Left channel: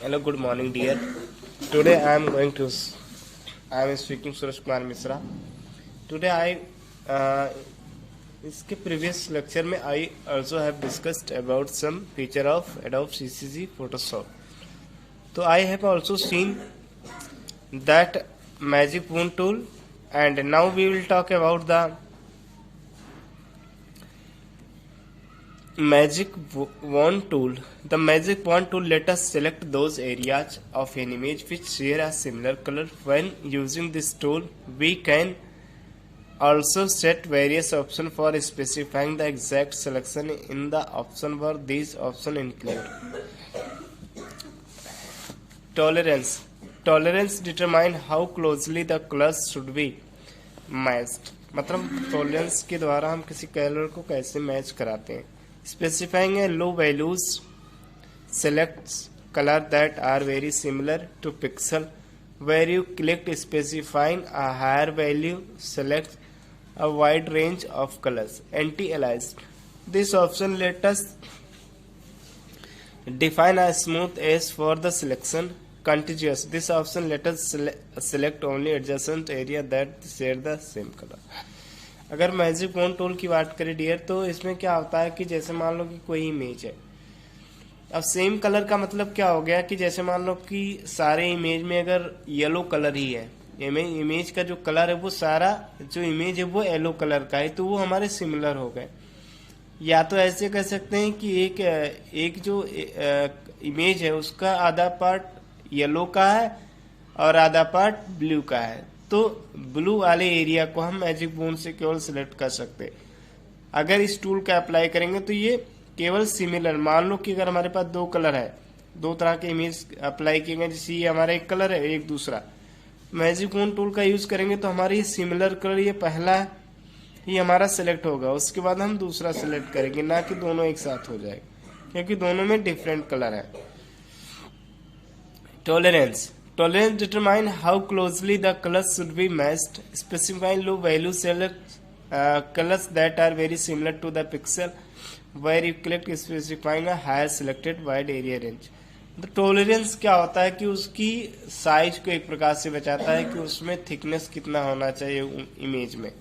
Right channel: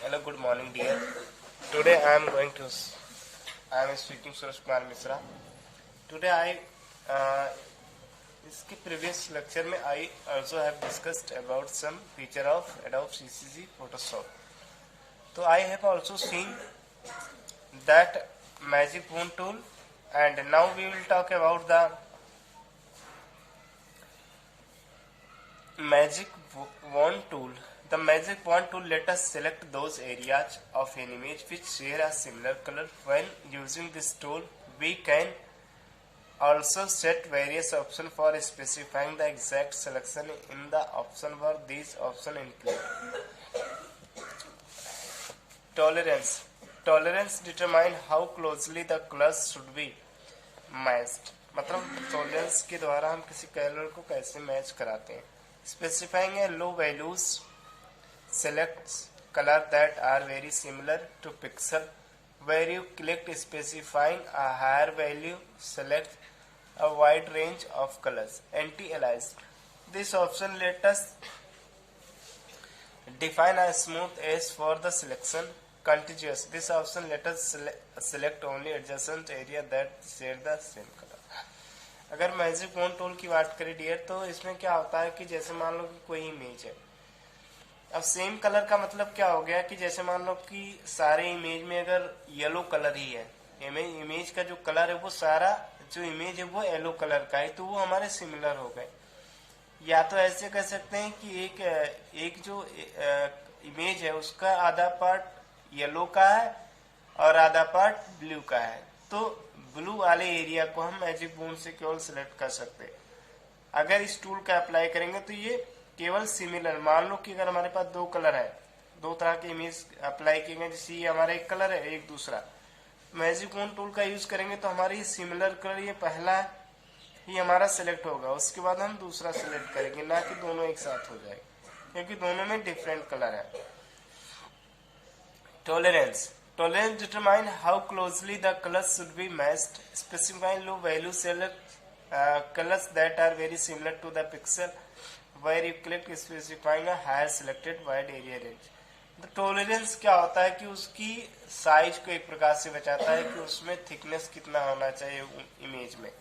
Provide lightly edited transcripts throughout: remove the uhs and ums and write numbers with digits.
Hello, good morning, dear. Today I am speaking Suresh Kumar Misra. Today इसके previous lecture में I also have discussed about some feature of Adobe CCC Photoshop. So I have also seen that Magic Wand tool, and now we will talk about the Magic Wand tool. The Magic Wand tool let us select those areas of an image which share a similar color. When using this tool, we can also set various options for specifying the exact selection in the option bar. These options include tolerance. Tolerance determine how closely the colors should be matched. मतलब tolerance के द्वारा हम किसी colour को कैसे match कराते हैं. Specifying a low values selects color that are very similar to pixel. Where you click specifying a higher value, select a wide range of colors. Anti-aliased. This option let us define a smooth edge for the selection. Contiguous. This option let us select only adjacent area that share the same color. अगर magic wand tool की बात करें dear, तो इसमें क्या होता है कि जैसे मान लो कि कोई इमेज है. अब सेम कलर का मतलब क्या हो गया कि जैसे मान लो कि सारे इमेज में अगर येलो कलर ही है, इमेज का जो कलर है वो सारा जो इमेज है वो येलो कलर का है, तो वो हमारे सिमिलर हो गए. या तो ऐसे कह सकते हैं कि एक जो इमेज है उसका आधा पार्ट येलो का है और आधा पार्ट ब्लू का है, तो ब्लू वाले एरिया को हम मैजिक वॉन्ड से केवल सिलेक्ट कर सकते हैं. अगर इस टूल का अप्लाई करेंगे तो ये केवल सिमिलर, मान लो कि अगर हमारे पास दो कलर है, दो तरह के इमेज अप्लाई किए गए, जैसे ये हमारा एक कलर है एक दूसरा, मैजिक वॉन्ड टूल का यूज करेंगे तो हमारे सिमिलर कलर ये पहला है, ये हमारा सिलेक्ट होगा. उसके बाद हम दूसरा सिलेक्ट करेंगे, ना कि दोनों एक साथ हो जाए, क्योंकि दोनों में डिफरेंट कलर है. Tolerance. Tolerance determine how closely the colors should be matched. Specifying low value select colors that are very similar to the pixel. Where you click specifying a higher selected wide area range. तो tolerance क्या होता है कि उसकी size को एक प्रकार से बचाता है कि उसमें थिकनेस कितना होना चाहिए इमेज में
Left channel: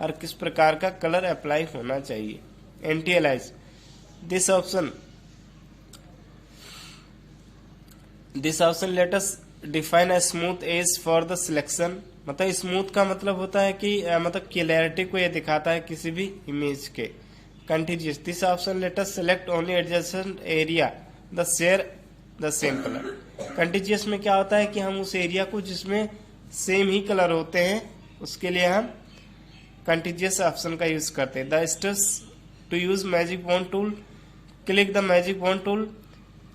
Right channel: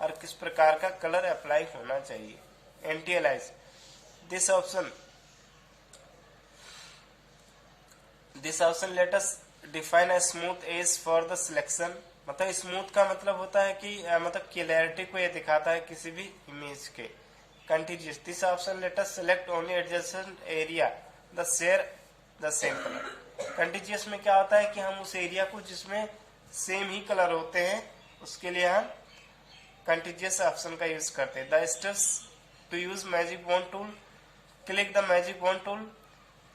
और किस प्रकार का कलर अप्लाई होना चाहिए. Antialias. This option let us define a smooth edge for the selection. मतलब स्मूथ का मतलब होता है कि मतलब क्लियरिटी को यह दिखाता है किसी भी इमेज के. Continuous. This option let us select only adjacent area the share the same colour. Continuous में क्या होता है कि हम उस एरिया को जिसमें सेम ही कलर होते हैं उसके लिए हम कंटिन्यूस ऑप्शन का यूज करते हैं. The steps to use magic wand tool. Click the magic wand tool.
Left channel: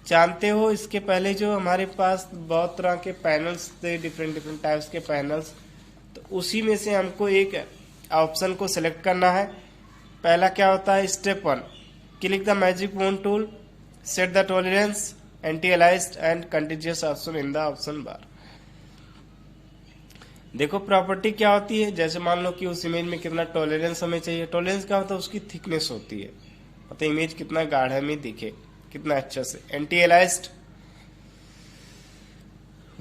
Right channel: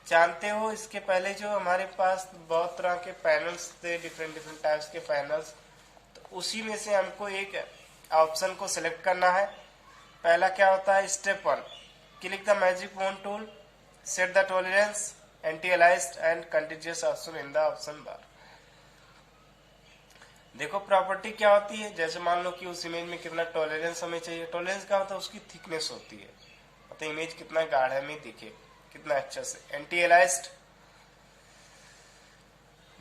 जानते हो इसके पहले जो हमारे पास बहुत तरह के पैनल्स थे, डिफरेंट टाइप्स के पैनल्स, तो उसी में से हमको एक ऑप्शन को सिलेक्ट करना है. पहला क्या होता है, step 1, click the magic wand tool, set the tolerance, anti aliased and continuous option in the option bar. देखो प्रॉपर्टी क्या होती है, जैसे मान लो कि उस इमेज में कितना टॉलरेंस हमें चाहिए. टॉलरेंस क्या होता है, उसकी थिकनेस होती है, मतलब इमेज कितना गाढ़ा में दिखे, कितना अच्छा से. एंटी-अलाइज्ड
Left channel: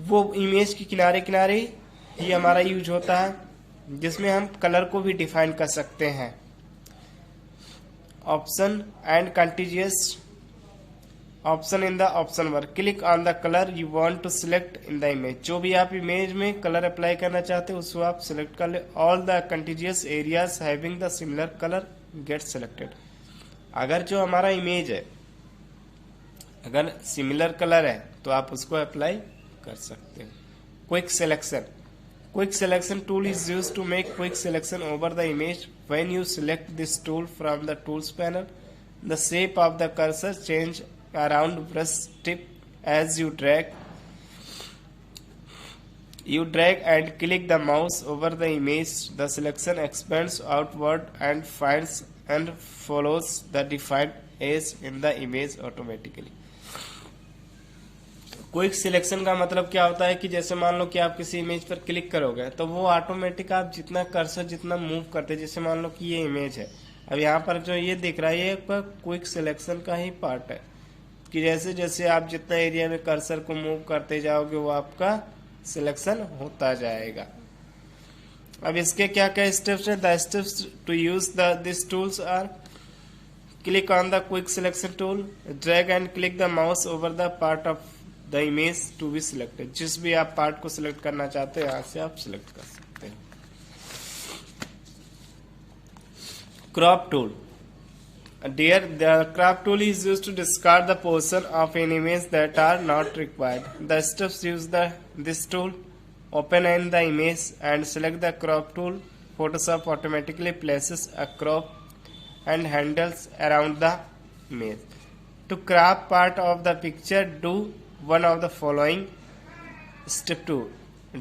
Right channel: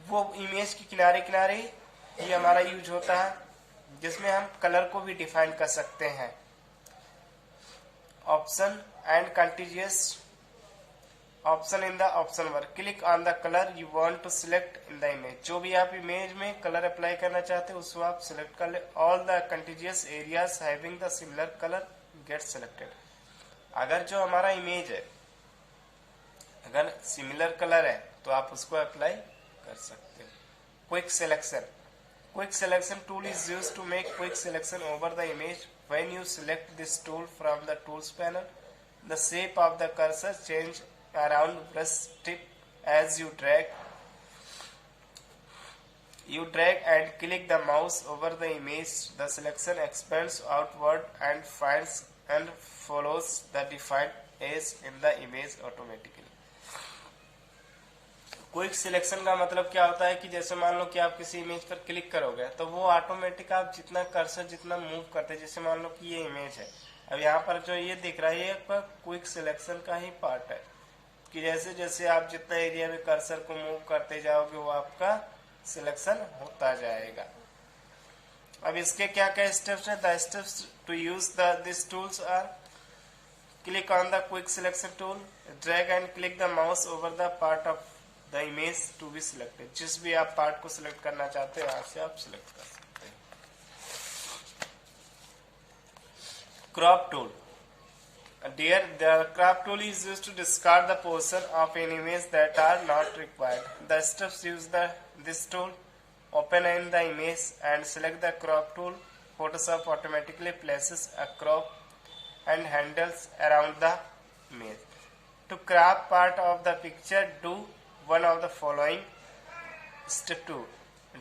वो इमेज के किनारे किनारे ही हमारा यूज होता है, जिसमें हम कलर को भी डिफाइन कर सकते हैं. Option and continuous option in the option bar. Click on the colour you want to select in the image. जो भी आप इमेज में कलर अप्लाई करना चाहते हैं उसको आप सिलेक्ट कर ले. All the continuous areas having the similar colour get selected. अगर जो हमारा इमेज है अगर सिमिलर कलर है तो आप उसको अप्लाई कर सकते हैं. Quick selection. Quick selection tool is used to make quick selection over the image. When you select this tool from the tools panel, the shape of the cursor change around brush tip as you drag and click the mouse over the image. The selection expands outward and finds and follows the defined edge in the image automatically. Quick selection का मतलब क्या होता है कि जैसे मान लो कि आप किसी इमेज पर क्लिक करोगे तो वो ऑटोमेटिक आप जितना कर्सर जितना मूव करते, जैसे मान लो कि ये इमेज है, अब यहाँ पर जो ये दिख रहा है ये क्विक सिलेक्शन का ही पार्ट है. कि जैसे जैसे आप जितना एरिया में कर्सर को मूव करते जाओगे वो आपका सिलेक्शन होता जाएगा। अब इसके क्या क्या स्टेप्स हैं? The steps to use this tools are: click on the quick selection tool, drag and click the mouse over the part of the image to be selected. जिस भी आप पार्ट को सिलेक्ट करना चाहते हैं यहाँ से आप सिलेक्ट कर सकते हैं। Crop tool: Dear, the crop tool is used to discard the portion of an image that are not required. The steps use this tool: open in the image and select the crop tool. Photoshop automatically places a crop and handles around the image. To crop part of the picture, do one of the following. Step 2.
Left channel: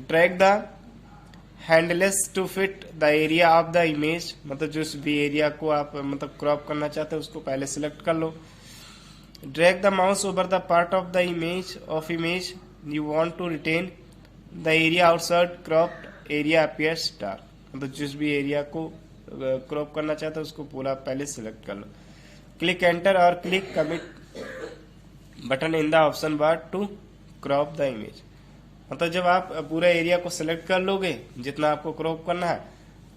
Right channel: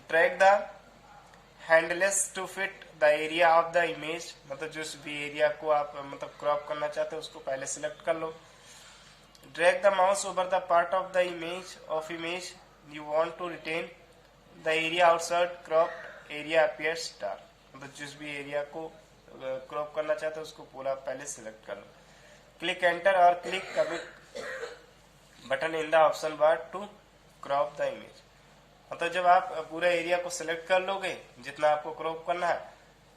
Drag the handles to fit the area of the image, मतलब जिस भी area को आप मतलब crop करना चाहते हैं उसको पहले सिलेक्ट कर लो। Drag the mouse over the part of the image you want to retain the area outside cropped area appears star, मतलब जिस भी एरिया को क्रॉप करना चाहते हैं उसको पूरा पहले सिलेक्ट कर लो। क्लिक एंटर और click commit button in the option bar to crop the image, मतलब जब आप पूरा एरिया को सिलेक्ट कर लोगे जितना आपको क्रॉप करना है,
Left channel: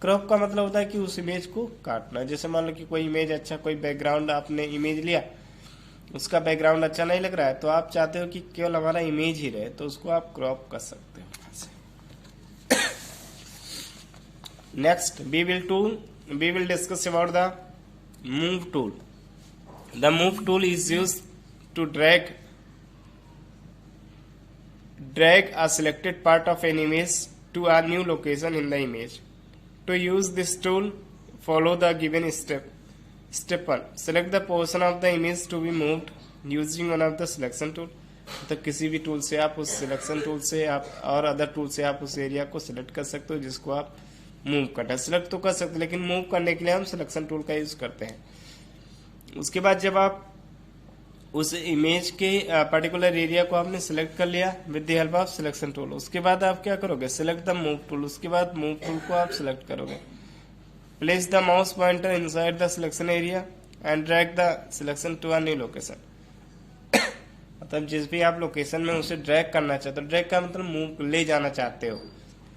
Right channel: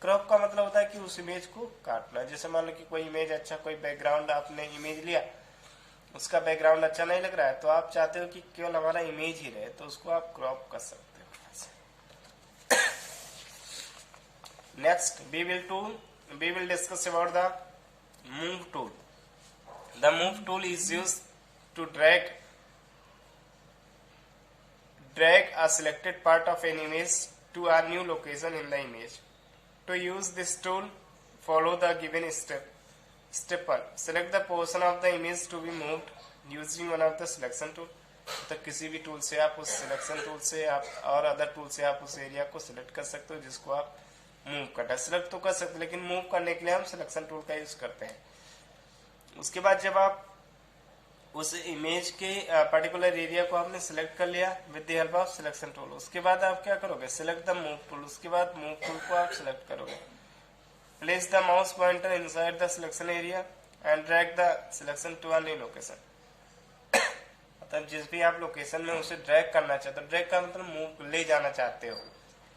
क्रॉप का मतलब होता है कि उस इमेज को काटना। जैसे मान लो कि कोई इमेज अच्छा, कोई बैकग्राउंड आपने इमेज लिया, उसका बैकग्राउंड अच्छा नहीं लग रहा है तो आप चाहते हो कि केवल हमारा इमेज ही रहे, तो उसको आप क्रॉप कर सकते हो। Next we will discuss about the move tool. The move tool is used to drag a selected part of an image to a new location in the image. To use this tool, follow the given step. Step 1. Select the portion of the image to be moved using one of the selection tool. तो किसी भी tool से आप उस selection tool से आप और other tool से आप उस एरिया को सिलेक्ट कर सकते हो जिसको आप मूव करना है। सिलेक्ट तो कर सकते हो लेकिन मूव करने के लिए हम सिलेक्शन टूल का यूज करते हैं। उसके बाद जब आप उस इमेज के पर्टिकुलर एरिया को आपने सिलेक्ट कर लिया with the help of selection tool, उसके बाद आप क्या करोगे? Select the move tool. उसके बाद मूव टूल को आप सिलेक्ट करोगे। Place the mouse pointer inside the selection area and drag the selection to a new location. मतलब जिस भी आप लोकेशन में उसे ड्रैग करना चाहते हो, ड्रैग का मतलब मूव ले जाना चाहते हो।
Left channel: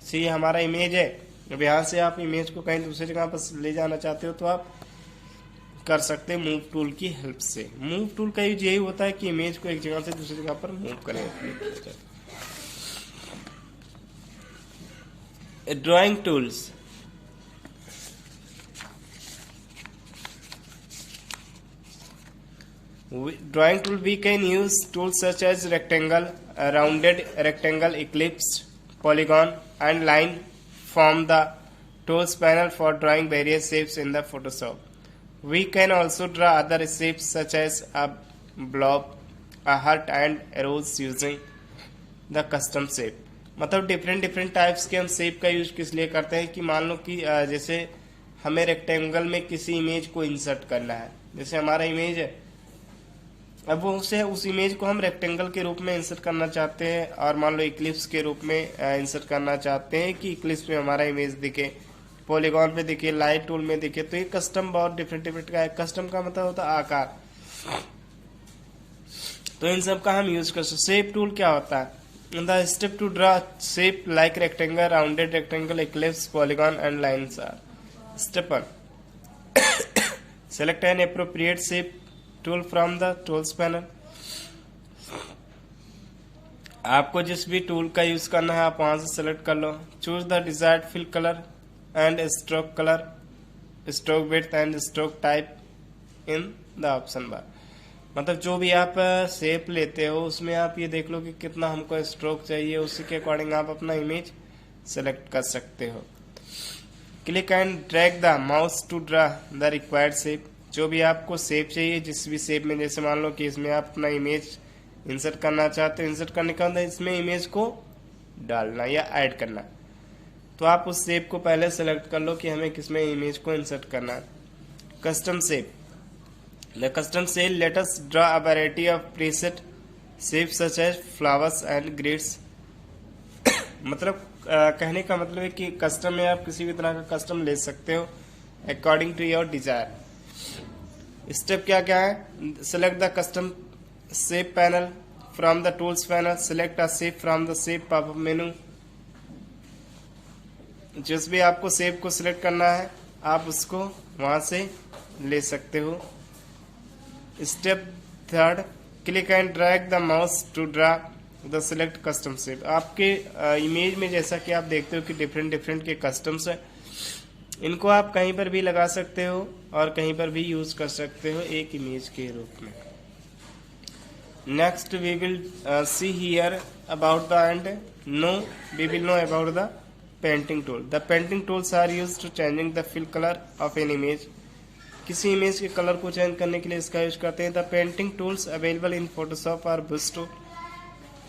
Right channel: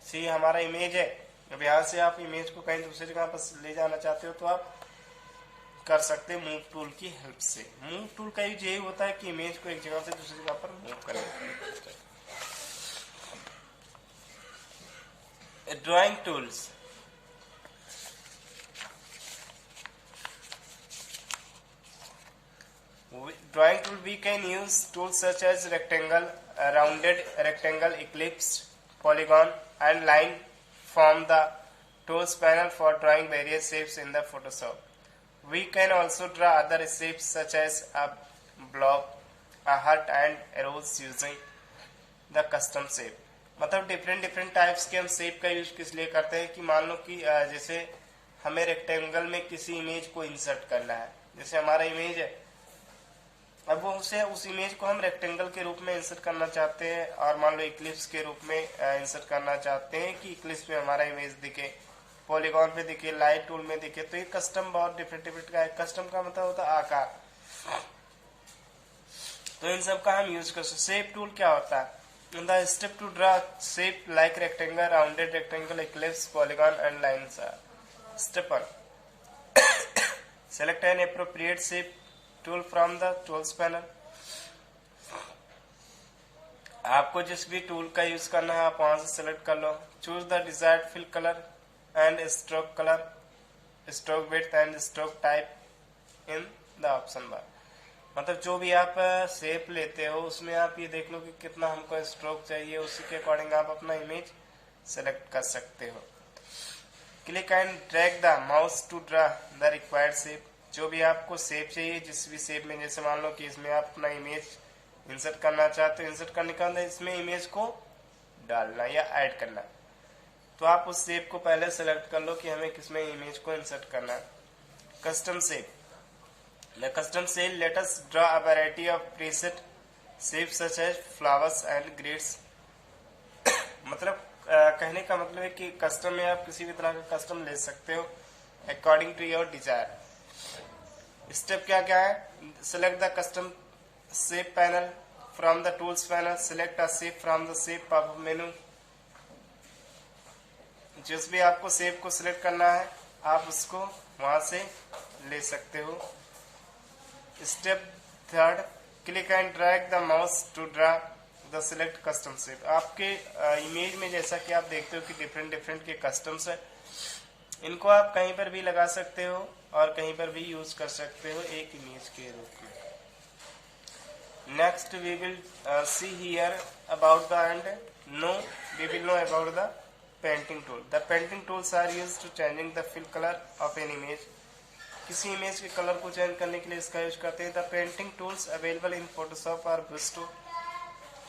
सी हमारा इमेज है, अब यहाँ से आप इमेज को कहीं दूसरी जगह पर ले जाना चाहते हो तो आप कर सकते हैं मूव टूल की हेल्प से। मूव टूल का यूज यही होता है कि इमेज को एक जगह से दूसरी जगह पर मूव करें। Drawing tools: drawing tool we can use tools such as rectangle, rounded rectangle, ellipse, polygon and line from the tools panel for drawing various shapes in the Photoshop. We can also draw other shapes such as a blob, a heart and arrows using the custom shape. मतलब different types के हम shape का use किस लिए करते हैं कि मान लो कि जैसे हमें रेक्टेंगल में किसी इमेज को इंसर्ट करना है, जैसे हमारा इमेज है, अब वो उस इमेज को हम रेक्टेंगल के रूप में इंसर्ट करना चाहते हैं और मान लो इक्लिप्स के रूप में इंसर्ट करना चाहते हैं कि इक्लिप्स में हमारा इमेज दिखे, पॉलीगॉन पे दिखे, लाइट टूल में दिखे। तो ये कस्टम बहुत डिफरेंट का है। कस्टम का मतलब होता है आकार, तो इन सब का हम यूज कर सकते। शेप टूल क्या होता है? The step to draw shape like rectangle, rounded rectangle, ellipse, polygon and lines are: step 1. Select an appropriate shape tool from the tools panel. आपको जिस भी टूल का यूज करना है आप वहां से सेलेक्ट कर लो। Choose the desired fill colour and stroke colour, stroke width and stroke type in the option bar. मतलब जो भी आप शेप लेते हो उसमें आप ये देख लो कि कितना हमको स्ट्रोक चाहिए, उसी के अकॉर्डिंग आप अपना इमेज सेलेक्ट कर सकते हो। Click and drag the mouse to draw the required shape. जो भी आपको शेप चाहिए, जिस भी शेप में, जैसे मान लो कि इसमें आप अपना इमेज इंसर्ट करना चाहते हो, इंसर्ट करने का मतलब इसमें इमेज को डालना या ऐड करना, तो आप उस शेप को पहले सेलेक्ट कर लो कि हमें किसमें इमेज को इंसर्ट करना है। Custom shape: the custom shape let us draw a variety of preset shapes such as flowers and grids. मतलब कहने का मतलब है कि कस्टम में आप किसी भी तरह का कस्टम ले सकते हो according to your desire. Step क्या क्या है? Select the custom shape panel. From the tools panel, select a shape from the shape pop-up menu. जिस भी आपको शेप को सिलेक्ट करना है आप उसको वहां से ले सकते हो। Step third, click and drag the mouse to draw the select custom shape. आपके इमेज में जैसा कि आप देखते हो कि डिफरेंट डिफरेंट के कस्टम्स है, इनको आप कहीं पर भी लगा सकते हो और कहीं पर भी यूज कर सकते हो एक इमेज के रूप में। Next we will see here about the and we will know about the painting tool. The painting tools are used to changing the fill colour of an image. किसी इमेज के colour को change करने के लिए इसका use करते हैं। The painting tools available in Photoshop are brush tool,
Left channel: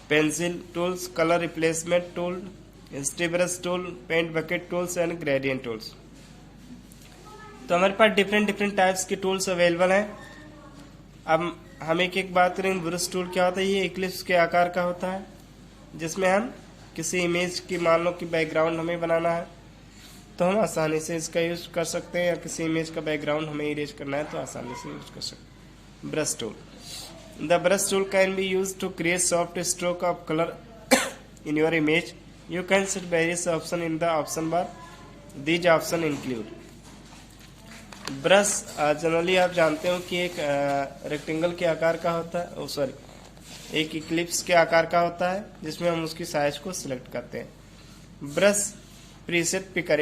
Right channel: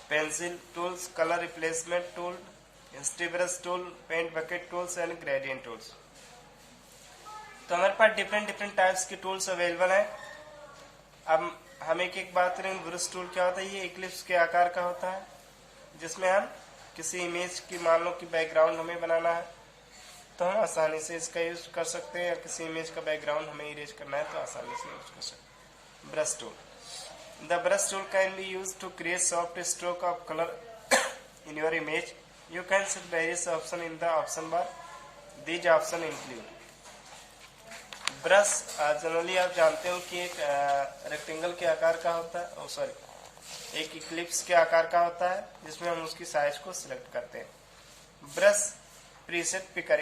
pencil tools, colour replacement tool, history brush tool, paint bucket tools and gradient tools. तो हमारे पास डिफरेंट डिफरेंट टाइप्स के टूल्स अवेलेबल हैं। अब हम एक एक बात करें। ब्रश टूल क्या होता है? ये इक्लिप्स के आकार का होता है, जिसमें हम किसी इमेज की, मान लो कि बैकग्राउंड हमें बनाना है तो हम आसानी से इसका यूज कर सकते हैं, या किसी इमेज का बैकग्राउंड हमें इरेज करना है तो आसानी से यूज कर सकते हैं। Brush tool, the brush tool can be use to create soft stroke of colour in your image. You can set various option in the option bar, these option include. Brush generally आप जानते हो कि एक rectangle के आकार का होता है, एक इक्लिप्स के आकार का होता है, जिसमें हम उसकी साइज को सिलेक्ट करते हैं। Brush preset picker,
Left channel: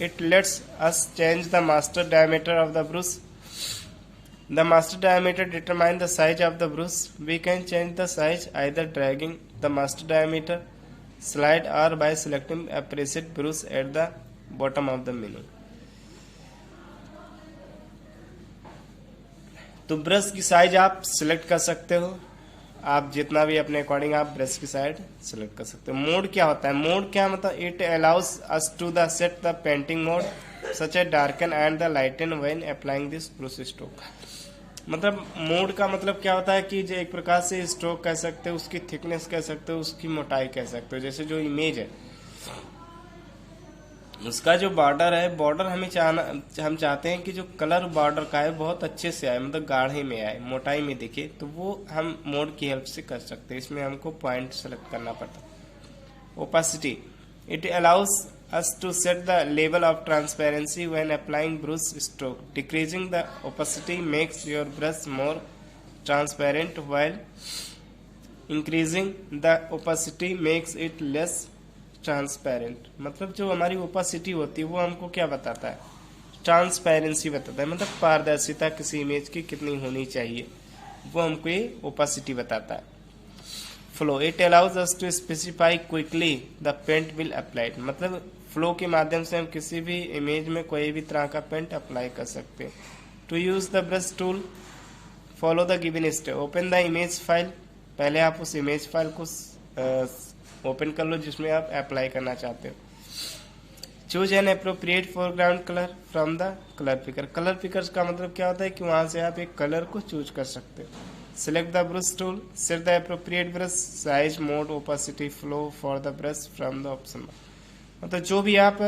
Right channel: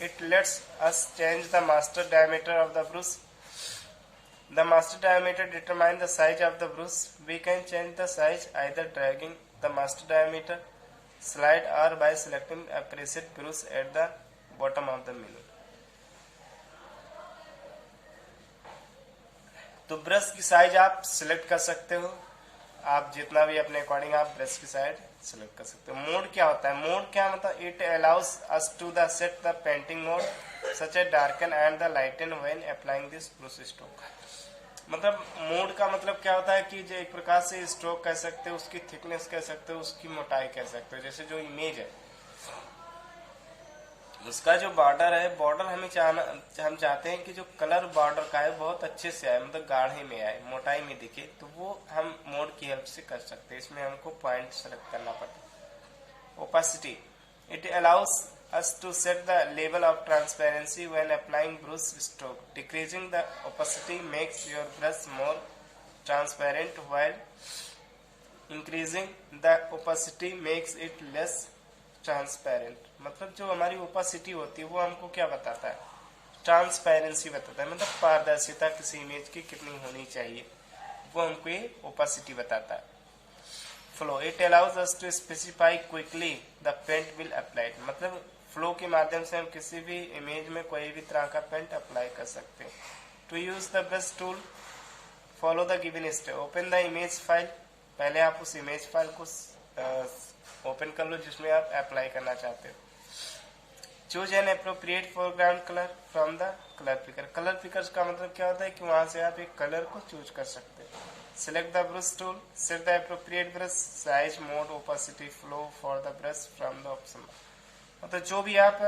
it lets us change the master diameter of the brush. The master diameter determines the size of the brush. We can change the size either dragging the master diameter slide or by selecting a preset brush at the bottom of the menu. तो brush की size आप select कर सकते हो, आप जितना भी अपने अकॉर्डिंग आप ब्रश की साइज सिलेक्ट कर सकते हो। मोड क्या होता है? मोड क्या मतलब? It allows us to the set the painting mode such a darken and the lighten when applying this brush stroke. मतलब मोड का मतलब क्या होता है कि जो एक प्रकार से स्ट्रोक कह सकते हो, उसकी थिकनेस कह सकते हो, उसकी मोटाई कह सकते हो। जैसे जो इमेज है उसका जो बॉर्डर है, बॉर्डर हम चाहते हैं कि जो कलर बॉर्डर का है बहुत अच्छे से आए, मतलब गाढ़े में आए, मोटाई में दिखे, तो वो हम मोड की हेल्प से कर सकते हैं। इसमें हमको पॉइंट सेलेक्ट करना पड़ता है। Opacity, it allows us to set the level of transparency when applying brush stroke. Decreasing the opacity makes your brush more transparent while increasing the opacity makes it less transparent. मतलब जो हमारी opacity होती है वो हमको क्या बताता है? ट्रांसपेरेंसी बताता है, मतलब पारदर्शिता किसी इमेज की कितनी होनी चाहिए, वो हमको ये ओपेसिटी बताता है। Flow, it allows us to specify quickly the paint will applied. मतलब फ्लो के माध्यम से हम किसी भी इमेज में कोई भी तरह का पेंट अप्लाई कर सकते हैं। To use the brush tool follow the given step. Open the image file, पहले आप उस इमेज फाइल को ओपन कर लो जिसमें आप अप्लाई करना चाहते हो। Choose an appropriate foreground colour from the colour picker. Colour picker का मतलब क्या होता है कि वहां से आप एक कलर को चूज कर सकते हो। Select the brush tool, set the appropriate brush size, mode, opacity, flow for the brush from the option. मतलब जो भी आप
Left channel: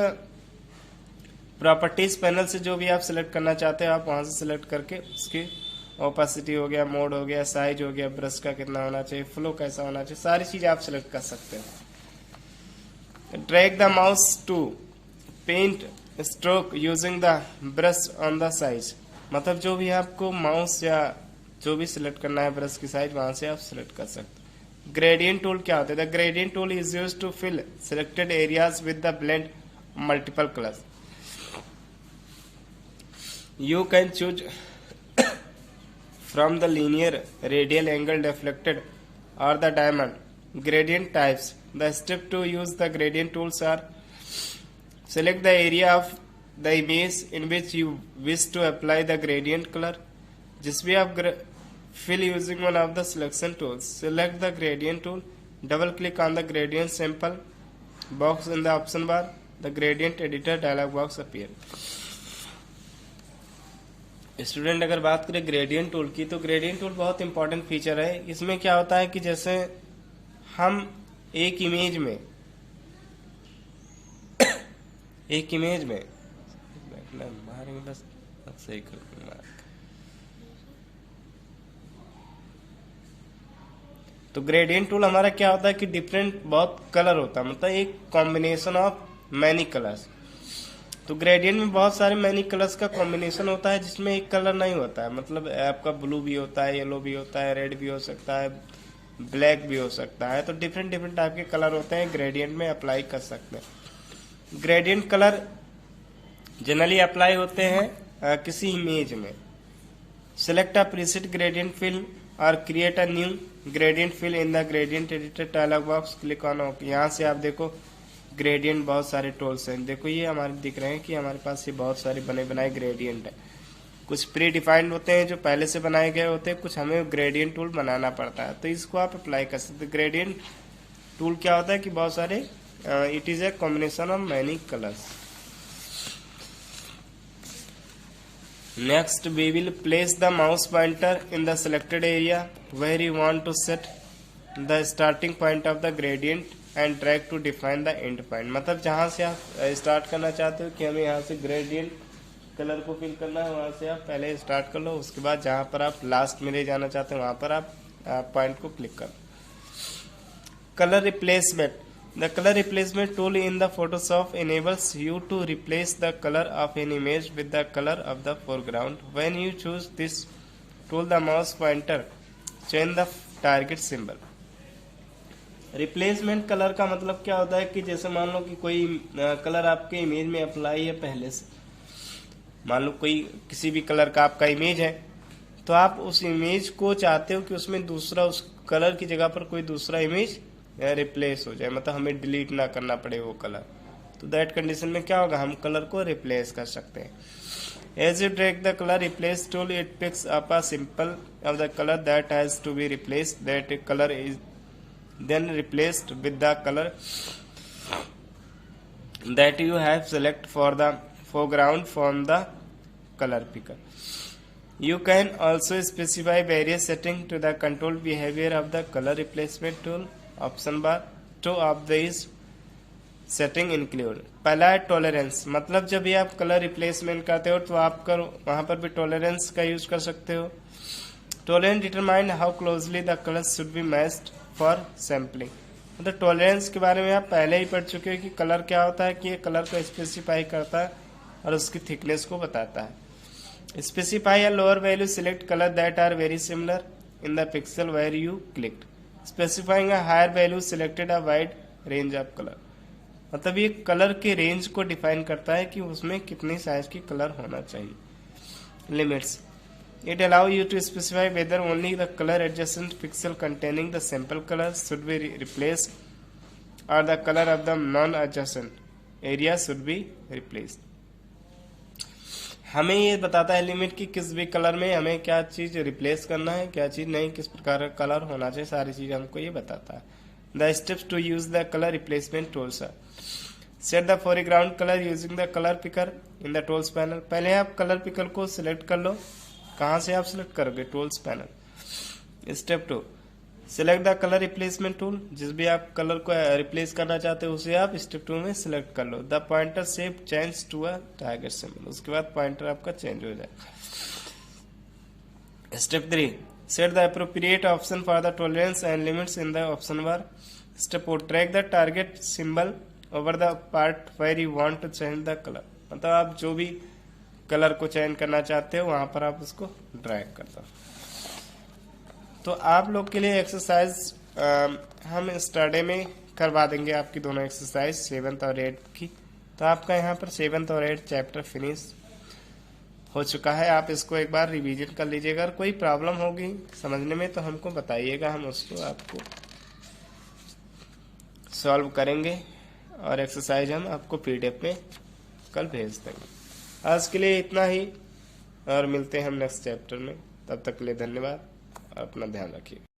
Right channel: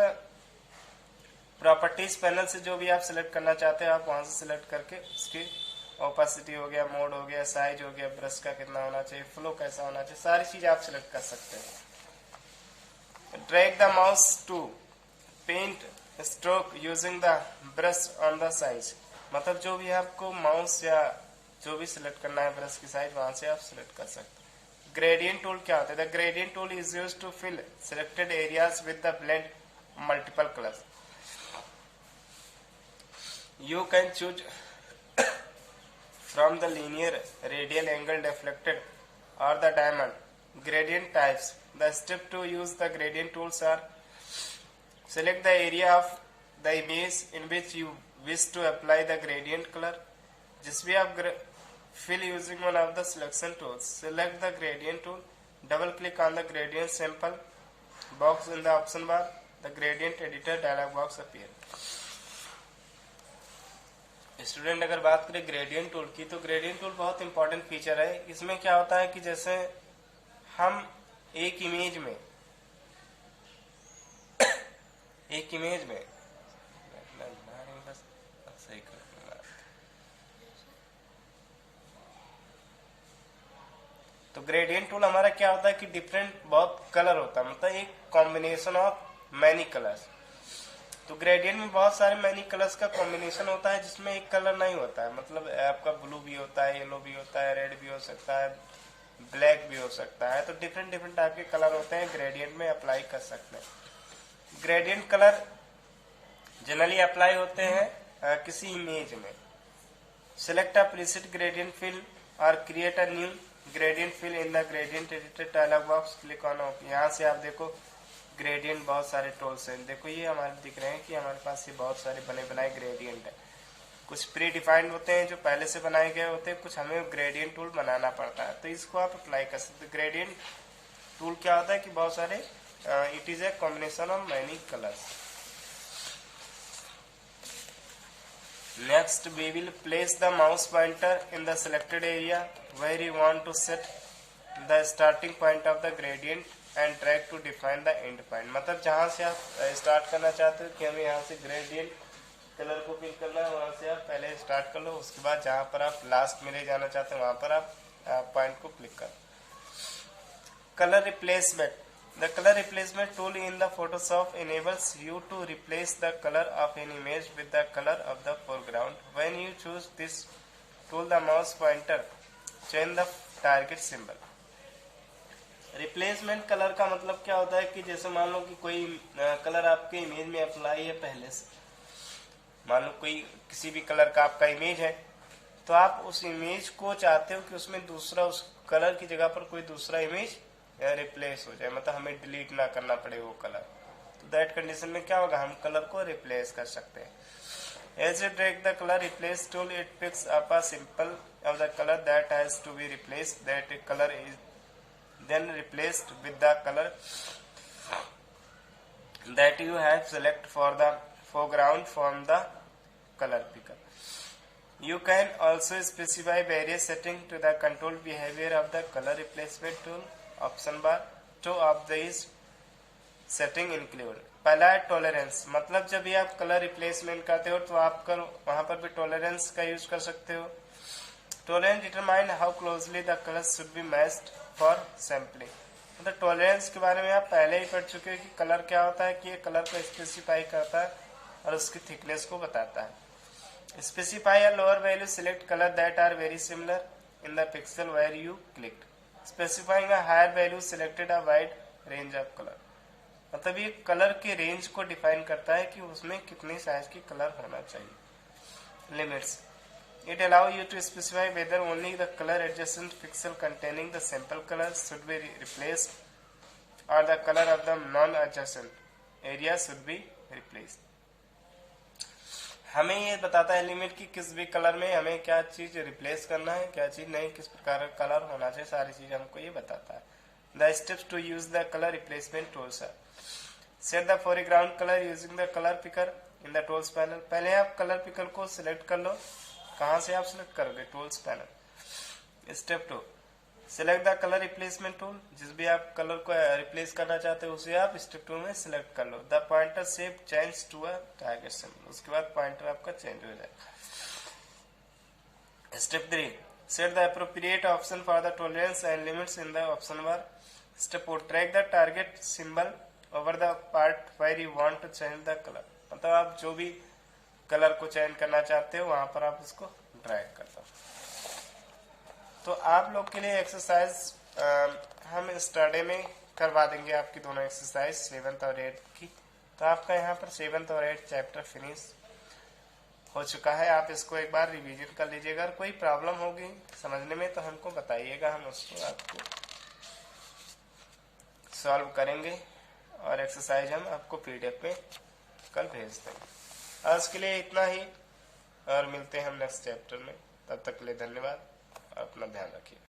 प्रॉपर्टीज पैनल से जो भी आप सिलेक्ट करना चाहते हो, आप वहां से सिलेक्ट करके उसकी ओपेसिटी हो गया, मोड हो गया, साइज हो गया, ब्रश का कितना होना चाहिए, फ्लो कैसा होना चाहिए, सारी चीज आप सिलेक्ट कर सकते हैं। Drag the mouse to paint stroke using the brush on the size. मतलब जो भी आपको माउस या जो भी सिलेक्ट करना है ब्रश की साइज, वहां से आप सिलेक्ट कर सकते हैं। ग्रेडियंट टूल क्या होता है? The gradient tool is used to fill selected areas with the blend multiple colours. You can choose from the linear, radial, angle, deflected or the diamond gradient types. The step to use the gradient tools are: select the area of the image in which you wish to apply the gradient color. जिस भी आप fill using one of the selection tools. Select the gradient tool, double click on the gradient sample box in the option bar. The gradient editor dialog box appear. Student अगर बात करें gradient tool की, तो gradient tool बहुत important feature है। इसमें क्या होता है कि जैसे हम एक इमेज में बस सही कर तो ग्रेडियंट टूल हमारा क्या होता है कि डिफरेंट बहुत कलर होता है, मतलब एक कॉम्बिनेशन ऑफ मैनी कलर्स। तो ग्रेडियंट में बहुत सारे मैनी कलर्स का कॉम्बिनेशन होता है जिसमें एक कलर नहीं होता है, मतलब आपका ब्लू भी होता है, येलो भी होता है, रेड भी हो सकता है, ब्लैक भी हो सकता है। तो डिफरेंट डिफरेंट टाइप के कलर होते हैं, ग्रेडियंट में अप्लाई कर सकते हैं। ग्रेडियंट कलर जनरली अप्लाई होते हैं किसी इमेज में। Select a preset gradient fill or create a new gradient fill in the gradient editor dialog box. Click on OK। यहाँ से आप देखो ग्रेडियंट बहुत सारे टूल्स हैं। देखो ये हमारे दिख रहे हैं कि हमारे पास ये बहुत सारे बने बनाए ग्रेडियंट है। कुछ प्री डिफाइंड होते हैं जो पहले से बनाए गए होते हैं, कुछ हमें ग्रेडियंट टूल बनाना पड़ता है, तो इसको आप अप्लाई कर सकते हैं। ग्रेडियंट टूल क्या होता है कि बहुत सारे it is a combination of many colours. Next, we will place the mouse pointer in the selected area where you want to set the starting point of the gradient and drag to define the end point। मतलब जहाँ से आप start करना चाहते हो कि हमें यहाँ से ग्रेडियंट कलर को फिल करना है, वहाँ से आप पहले स्टार्ट कर लो। उसके बाद जहाँ पर आप लास्ट में ले जाना चाहते हो वहाँ पर आप पॉइंट को क्लिक करो। Colour replacement. The color replacement tool in the Photoshop enables you to replace the color of an image with the color of the foreground. When you choose this tool, the mouse pointer change the target symbol। Replacement colour का मतलब क्या होता है कि जैसे मान लो कि कोई कलर आपके इमेज में अप्लाई है पहले से, मान लो कोई किसी भी कलर का आपका इमेज है, तो आप उस इमेज को चाहते हो कि उसमें दूसरा उस कलर की जगह पर कोई दूसरा इमेज रिप्लेस हो जाए, मतलब हमें डिलीट ना करना पड़े वो कलर। तो दैट कंडीशन में क्या होगा, हम कलर को रिप्लेस कर सकते हैं। As you drag the colour replace tool, it picks up a simple of the colour that has to be replaced. That colour is then replaced with the colour that you have select for the foreground from the color picker। You can also specify various settings to the control behavior of the color replacement tool option bar. Two of this setting include. पहला है tolerance, मतलब जब भी आप colour replacement करते हो तो आप वहां पर भी टॉलरेंस का यूज कर सकते हो। Tolerance determine how closely the colour should be matched for sampling. मतलब टॉलरेंस के बारे में आप पहले ही पढ़ चुके हो कि कलर क्या होता है, कि ये कलर को स्पेसिफाई करता है और उसकी थिकनेस को बताता है। Specify a lower value, select colour that are very similar in the pixel where you clicked. Specifying a higher value, selected a wide range of colour. मतलब ये कलर के रेंज को डिफाइन करता है कि उसमें कितनी साइज की कलर होना चाहिए। Limits, it allow you to specify whether only the colour adjacent pixel containing the sample colour should be replaced और the colour of the non adjacent area should be replaced. हमें ये बताता है limit की किस भी कलर में हमें क्या चीज रिप्लेस करना है, क्या चीज नहीं, किस प्रकार का कलर होना चाहिए, सारी चीज हमको ये बताता है। The steps to use the colour replacement tools are set the foreground colour using the colour picker in the tools panel. पहले आप कलर पिकर को सिलेक्ट कर लो। कहाँ से आप सिलेक्ट करोगे, tools panel. Step 2, select the colour replacement tool. जिस भी आप कलर को रिप्लेस करना चाहते हो उसे आप स्टेप 2 में सिलेक्ट कर लो। The pointer shape change to a target symbol. उसके बाद पॉइंटर आपका चेंज हो जाएगा। Step 3, set the appropriate option for the tolerance and limits in the option bar. Step 4, track the target symbol over the part where you want to change the colour. मतलब आप जो भी colour को change करना चाहते हो वहां पर आप उसको ड्रैग कर दो। तो आप लोग के लिए एक्सरसाइज हम स्टडी में करवा देंगे, आपकी दोनों एक्सरसाइज 7th और 8th की। तो आपका यहाँ पर 7th और 8th चैप्टर फिनिश हो चुका है। आप इसको एक बार रिवीजन कर लीजिएगा। अगर कोई प्रॉब्लम होगी समझने में तो हमको बताइएगा, हम उसको आपको सॉल्व करेंगे और एक्सरसाइज हम आपको PDF में कल भेज देंगे। आज के लिए इतना ही और मिलते हैं हम नेक्स्ट चैप्टर में। तब तक के लिए धन्यवाद, अपना ध्यान रखिए।